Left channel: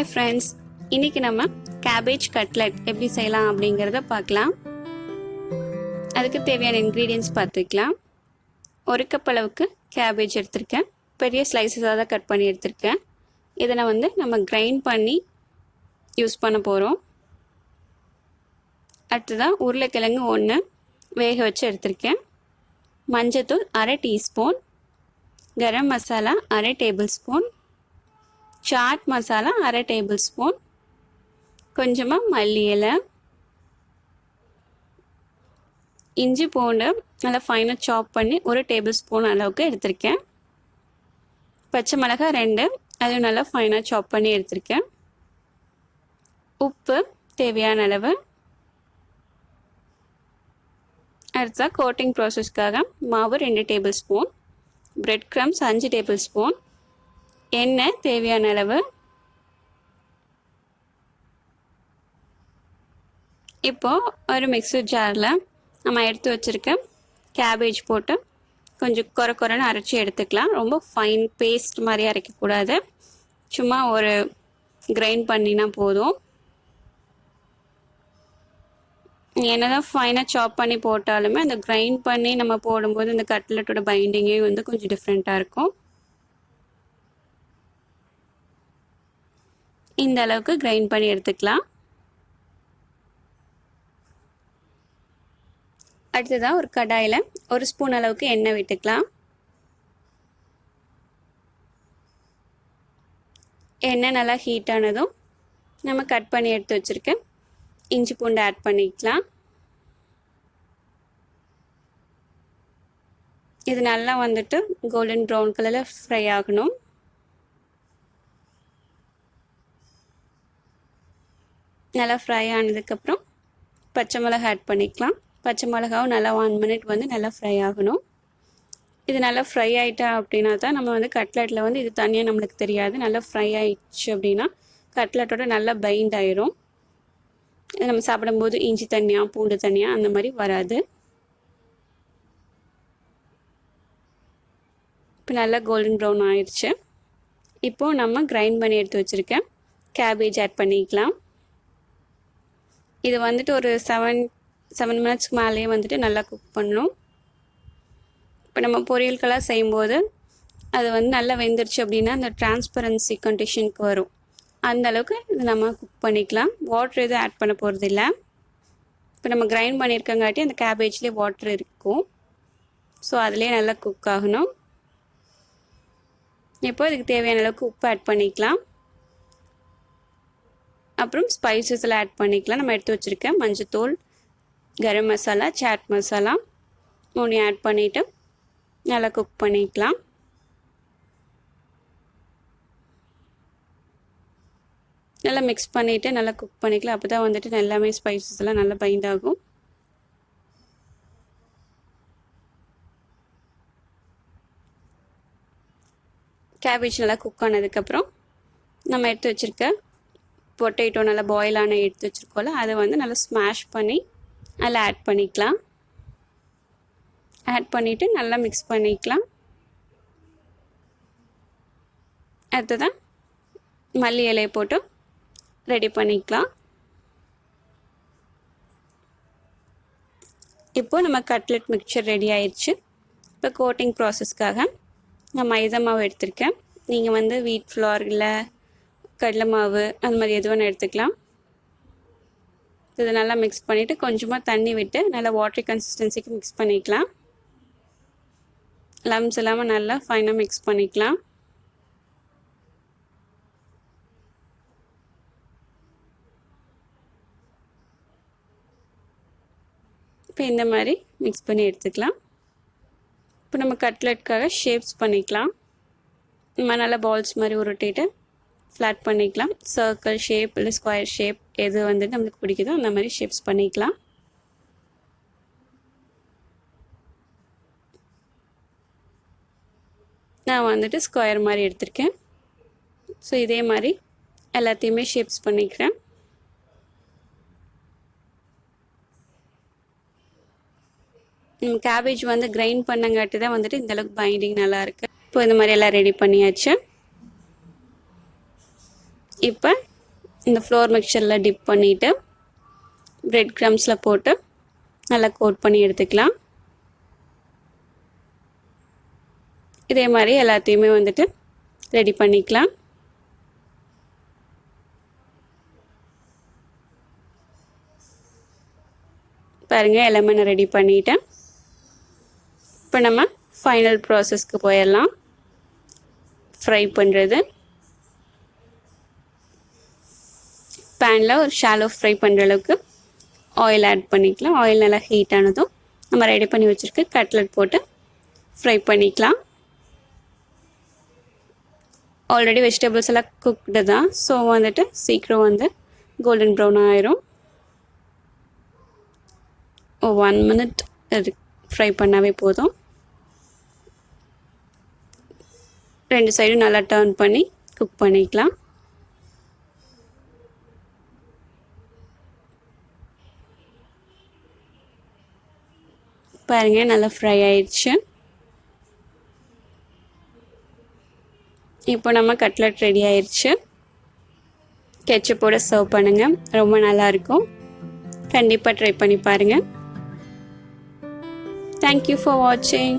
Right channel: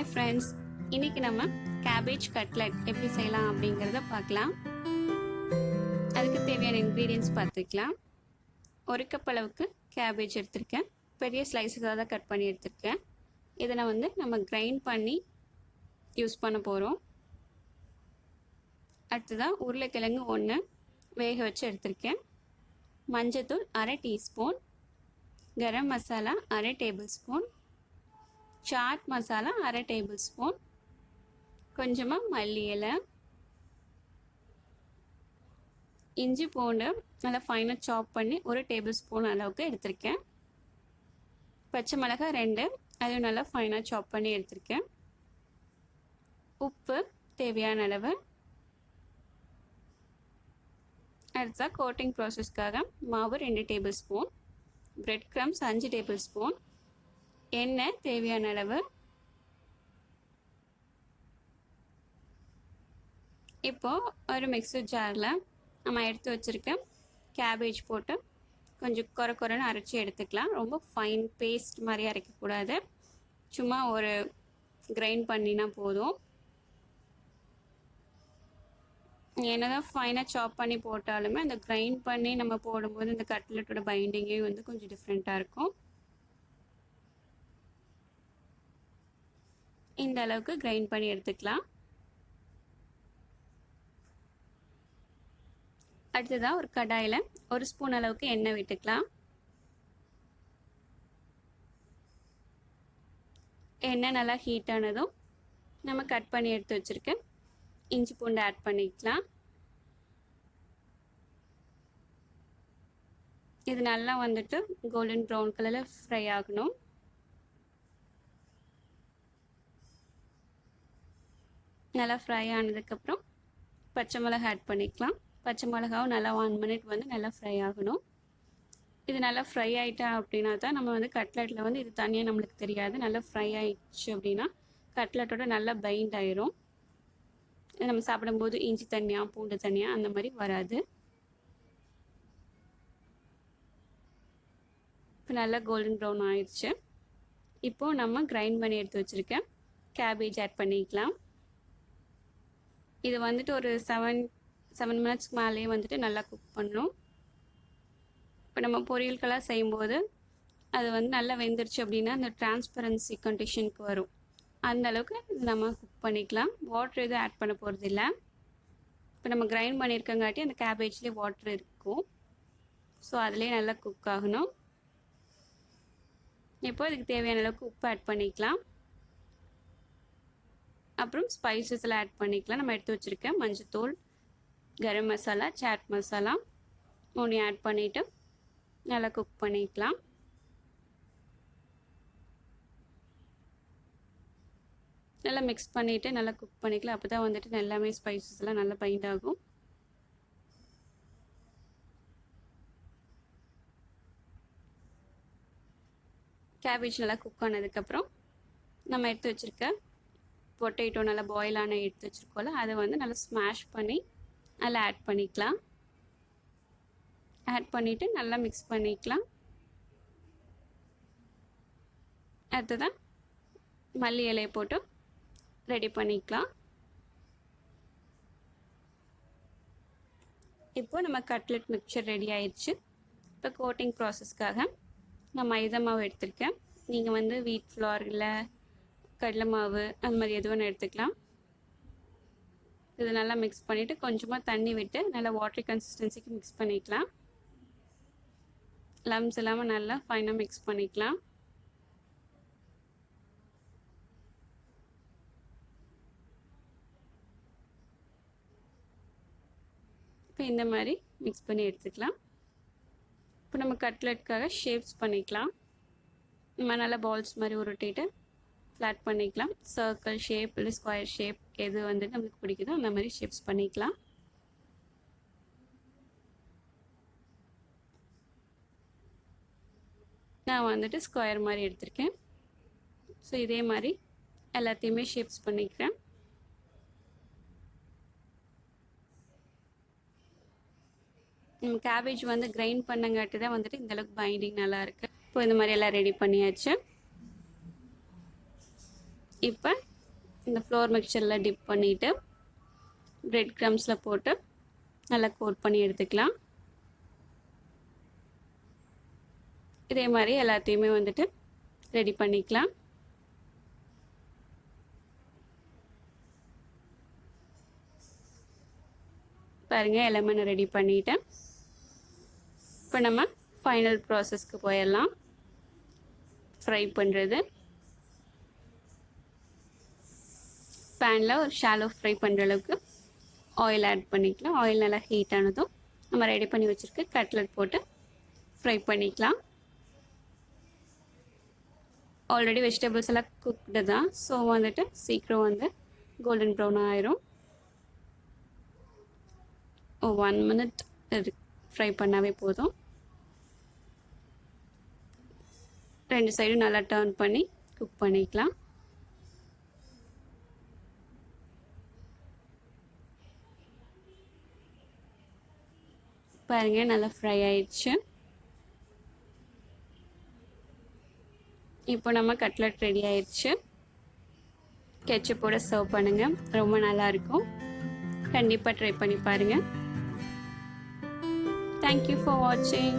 Hi friends, இன்னைக்கு நம்ம cabbage cutlet எப்படி செய்யலாம் அப்படிங்கறத பார்க்கலாம். அதுக்கு தேவையான ingredients பார்த்துக்கலாம். 1 கப் அளவுக்கு cabbage எடுத்துர்க்கேன். பெரிய ஸ்லைசஸா தான் கட் பண்ணி எடுத்துர்க்கேன். இத நான் நம்ம grind பண்ணி யூஸ் பண்ண போறோம். அடுத்ததா உருளைக்கிழங்கு 1 வேக வச்சு எடுத்துர்க்கேன். மஞ்சள்தூள் 1/2 teaspoon, garam masala 1/2 tablespoon, chaat masala 1/2 tablespoon கொஞ்சமா மல்லி இலை, இஞ்சி பூண்டு நல்லா ஃபைனா சாப் பண்ணி 1 டேபிள்ஸ்பூன் அளவுக்கு எடுத்துர்க்கேன். பச்சை மிளகாய் 2 அதையும் நல்லா ஃபைனா சாப் பண்ணி எடுத்துர்க்கேன். உப்பு தேவையான அளவு. அடுத்து கோட்டிங் ப்ராசஸ்க்காக மாவு 2 டேபிள்ஸ்பூன், பிரெட் கிரம்ஸ் 5 டேபிள்ஸ்பூன், எண்ணெய் தேவையான அளவு. இப்போ ஒரு மிக்ஸர் ஜாரில் நம்ம எடுத்து வச்சுருக்க கேபேஜ் போட்டு கொஞ்சம் கொரன்னு அரைச்சி எடுத்துக்கலாம். ரொம்ப ஃபைன் பேஸ்ட் மாதிரி அரைக்கக்கூடாது, சும்மா ஒரு கிரைண்ட் பண்ணினா போதும். என்னதான் ஃபைனாக சாப் பண்ணி போட்டாலுமே அந்த கிரைண்ட் பண்ணி நம்ம போடும்போது இந்த கட்லெட்டோட பைண்டிங்கே கொஞ்சம் டிஃப்ரெண்ட்டாக இருக்கும். இந்த அளவுக்கு கிரைண்ட் பண்ணி எடுத்துக்கலாம். அடுத்ததா ஒரு கடாயில 1 ஸ்பூன் அளவுக்கு எண்ணெய் விட்டுக்கலாம். எண்ணெய் நல்லா ஹீட் ஆனதும் நம்ம கட் பண்ணி எடுத்து வச்சிருக்க இஞ்சி பூண்டு ஆட் பண்ணிக்கலாம். இது நல்லா கோல்டன் ப்ரௌன் கலர்ல ஃப்ரை ஆகணும். நல்லா ஃப்ரை ஆனதுக்கப்புறம் பச்சை மிளகாய் ஆட் பண்ணிக்கலாம். பச்சை மிளகாவும் நல்லா 1 மினிட் நல்லா ஃப்ரை ஆகணும். இது நல்லா ஃப்ரை ஆகிட்டா அப்படின்னா தான் நம்ம கட்லெட்டில் இது தனியாக நம்மளுக்கு தெரியாது. நல்லா ஃப்ரை ஆயிடுச்சு அப்படின்னா கட்லெட்டோட நல்லா பைண்ட் ஆயிரும். இது நம்ம சாப்பிடும்போது இஞ்சி தனியாக பூண்டு தனியாக அந்த மாதிரி வராது. இப்போ நல்லா கோல்டன் ப்ரௌன் ஆயிடுச்சு. இப்போது நம்ம கிரைண்ட் பண்ணி எடுத்து வச்சுருக்கேன் கேபேஜ் ஆட் பண்ணிக்கலாம். இது ஒரு 7 மினிட்ஸ்க்கு மேலேயே நல்லா குக் பண்ணணும். இப்போ நம்ம பொரியல்களாக செய்யும்போது அது நல்லா வெந்துருச்சு அப்படின்னா அந்த டிரான்ஸ்பரன்சி கண்டிஷனுக்கு வரும். அந்த அளவுக்கு இது நம்ம குக் பண்ணிக்கலாம். வாட்டர் எதுவும் ஆட் பண்ண போகிறது இல்லை. இப்போ நம்ம கிரைண்ட் பண்ணியிருக்கங்காட்டி அந்த கேபேஜ்லேயே வாட்டர் இருக்கும். ஸோ அதுலேயே நல்லா குக் ஆகணும். இப்போ இதுக்கு தேவையான அளவுக்கு உப்பு ஆட் பண்ணிக்கலாம். அப்புறம் ஸ்பைசஸ் எல்லாம் ஆட் பண்ணிக்கலாம். நம்ம எடுத்து வச்சுருக்கேன் மஞ்சத்தூள், கரம் மசாலா, சாட் மசாலா 3 ஆட் பண்ணிவிட்டு நல்லா குக் பண்ணிக்கலாம். நல்லா மிக்ஸ் பண்ணிவிட்டு நல்லா குக் பண்ணிக்கலாம். அப்போ தான் எல்லாமே ஸ்பைசஸ் எல்லாம் நல்லா பைண்ட் ஆகும். கேபேஜ் நல்லா குக் ஆனதுக்கப்புறம் நம்ம எடுத்து வச்சுருக்க பொட்டேட்டோ நல்லா பாயில் எடுத்து வச்சுருக்கோம்ல அதை நல்லா ஸ்மாஷ் பண்ணி அதில் ஆட் பண்ணிக்கலாம். ஆட் பண்ணிவிட்டு நல்லா மிக்ஸ் பண்ணிக்கலாம். அடுத்ததான் மல்லி இலையை போட்டு ரெடி பண்ணிக்கலாம். இப்போது நம்ம கட்லெட் மிக்சர் ரெடி ஆயிடுச்சு. இப்போ கோட்டிங் ப்ராசஸ்க்காக நான் மைதா மாவு எடுத்திருக்கேன். நீங்கள் வீட் ஃப்ளார் இல்லை கடலை மாவு அந்த மாதிரி எது வேணும் எடுத்துக்கலாம். இது நல்லா மிக்ஸ் பண்ணிவிட்டு கொஞ்சமாக தண்ணி விட்டு நல்லா வாட்டரி கன்சிஸ்டன்சிக்கு மிக்ஸ் பண்ணிக்கலாம். லம்ஸ் இல்லாமல் நல்லா ஃபைனாக மிக்ஸ் பண்ணிக்கலாம். இப்போ இந்த மாதிரி மிக்ஸ் பண்ணி எடுத்துக்கலாம். இப்போ நம்ம கட்லெட்காக ஷேப்ஸ் பண்ணிக்கலாம். நம்ம நல்லா பால்ஸ் மாதிரி உருட்டிட்டு ஃப்ளாட் பண்ணிக்கலாம். சர்க்கிள் ஷேப் இல்லை ஸ்கொயர் ஷேப் எது நம்மளுக்கு பிடிக்குதோ அந்த மாதிரி ஷேப்ஸ் பண்ணிக்கலாம். நான் ஸ்கொயர் மாதிரி எடுத்திருக்கேன். ஸோ இதே மாதிரி எல்லாத்தையுமே ஷேப்ஸ் பண்ணிக்கிறேன். நம்ம கேபேஜ் கிரைண்ட் பண்ணங்காட்டி தான் இந்தளவுக்கு பைண்டிங் நல்லாயிருக்கு. இப்போ இந்த மாதிரி எல்லாம் ரெடி பண்ணியாச்சு. இப்போ இந்த ஃப்ளோர் மிக்சரில் டிப் பண்ணிவிட்டு பிரெட் க்ரம்ஸில் போட்டு நல்லா கோட் பண்ணி எடுத்துக்கலாம். இதே மாதிரி எல்லாத்தையுமே வந்துட்டு ரெடி பண்ணிக்கலாம். பாருங்கள், எல்லாமே நான் ரெடி பண்ணிட்டேன். இப்போ நம்ம ஃபைனல் ப்ராசஸ்க்கு போயிடலாம். ஃப்ரை பண்ணுறது. பேனில் ஒரு ஷாலோ ஃப்ரை பண்ணுற அளவுக்கு ஆயில் ஆட் பண்ணிக்கலாம். ஆயில் நல்லா ஹீட் ஆனதும் நம்ம ரெடி பண்ணி வச்சுருக்க கட்லெட் போட்டு ஃப்ரை பண்ணிக்கலாம். ஆல்ரெடி வெஜிடபிள்ஸ் எல்லாம் குக்டு தான், ஸோ வந்துட்டு சீக்கிரம் வந்து கோல்டன் ப்ரௌன் ஆயிரும். 1 minute ஃப்ரை பண்ணாவே போதும். 2 சைடும் நல்லா டர்ன் பண்ணி குக் பண்ணிக்கலாம். பாருங்கள், நல்லா ஃப்ரை ஆயிடுச்சு. இப்போ நம்ம கட்லெட் ரெடி ஆயிடுச்சு. கெச்சப்போட சர்வ் பண்ணுங்கள், ரொம்ப நல்லாயிருக்கும். கண்டிப்பாக ட்ரை பண்ணி பாருங்கள். Thank you for watching.